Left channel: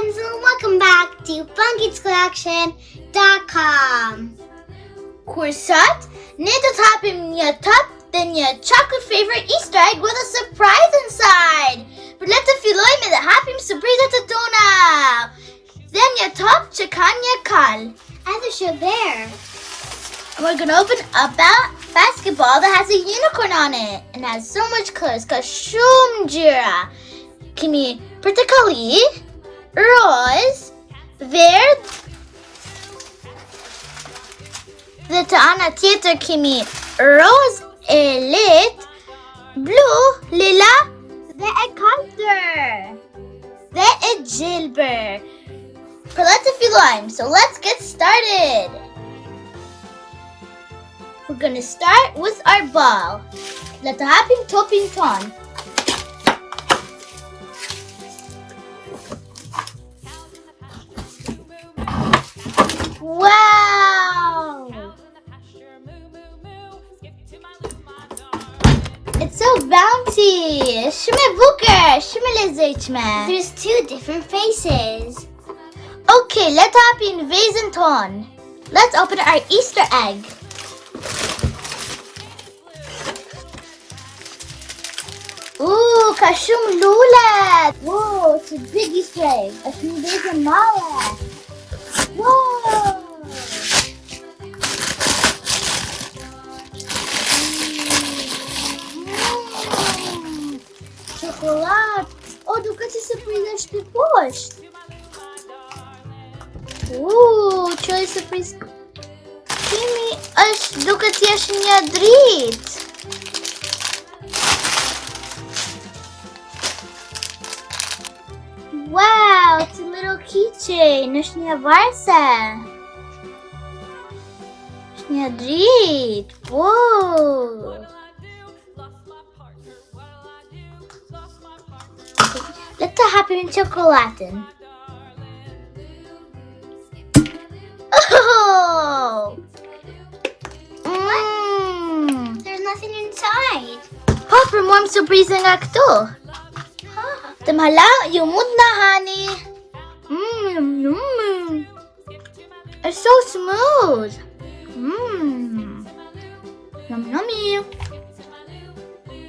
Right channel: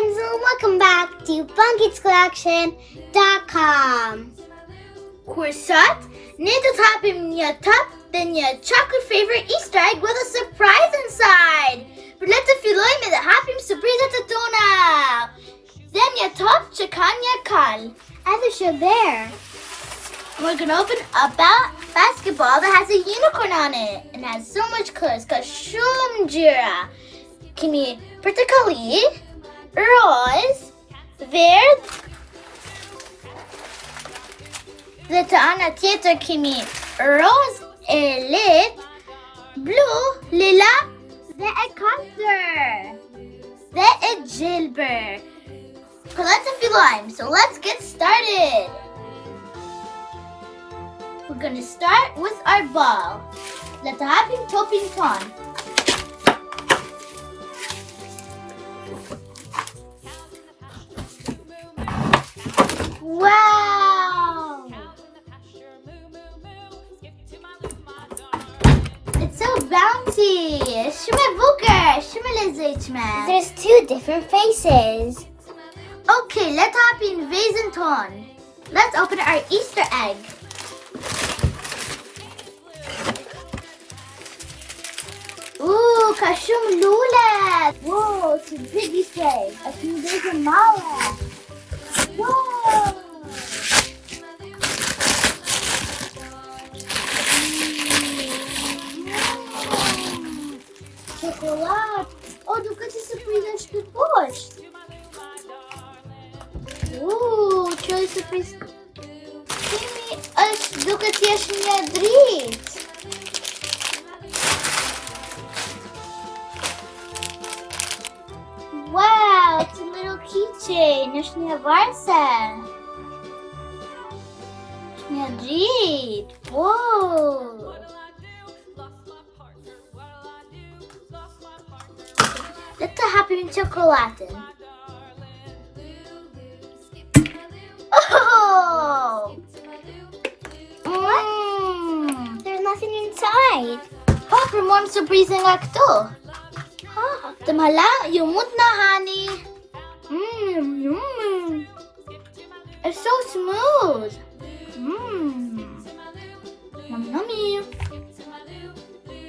friends, and welcome back to Basketbolli.com. Kursat, nito hapim niya top then your chocolate favorite Easter egg with a surprise inside. But let the filoy me the hapim surprise at the tuna. Then your top chikan your kal. Either show there. We're gonna open a basketball that has a unicorn on it and has so much colors. Kashum Ngjyra. Kimi particularly rose, verde, the Taana Theater Kimi rose elite, blue, lila, the Econter, the Gilbert. Palette of lime. So let's get started. We're gonna start with our ball. Let the hapim topping on. Wow! It's so bouncy. Shme Bukur, shme lezechme. There's two different faces. Okay, let's hop in Veze Cokollate. Let's open our Easter egg. Ooh, kashum lula. Whoa, it's a big Easter egg. A few Veze mala. Whoa! Chocolate. Oh, look at the surprise depois. Ooh, choy surprise. Kimi, look at the drit. Wow, it's a little keychain. Nashnia varsa. Nashnia drit. Whoa. Let's happen in chocolate. Oh! There's nothing inside. Oh, for more surprise na akto. Tamhala, yung mood na, honey. It's so smooth. Yum, yummy.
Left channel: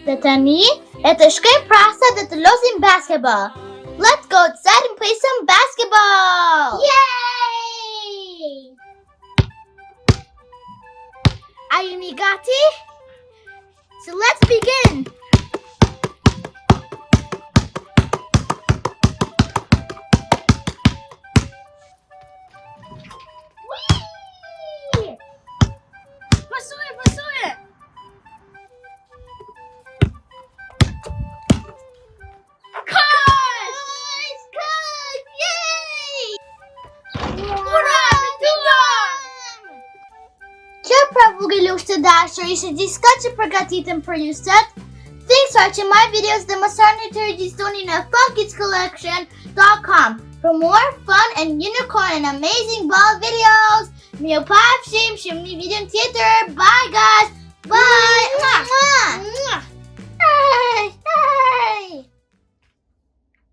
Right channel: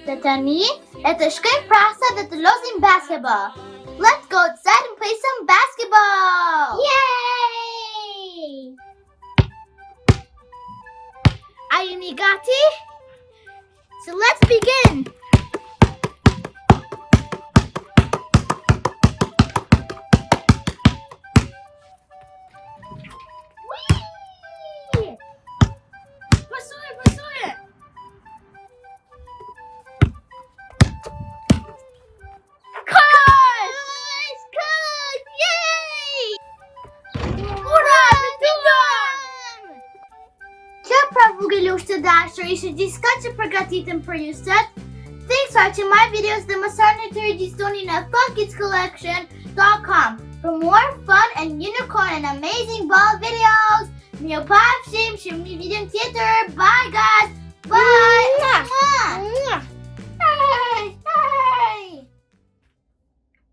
Tatami, это шкаем праса, это losing basketball. Let's go outside and play some basketball. Yay! Are you Migati? So let's begin. Vogelushe dashur, discuss pregatitem periusat. Thanks for watching my videos. The Masarnatur Disdoni na Basketbolli.com for more fun and unicorn and amazing ball videos. Mio paf shim shim ni video theater. Bye guys. Bye.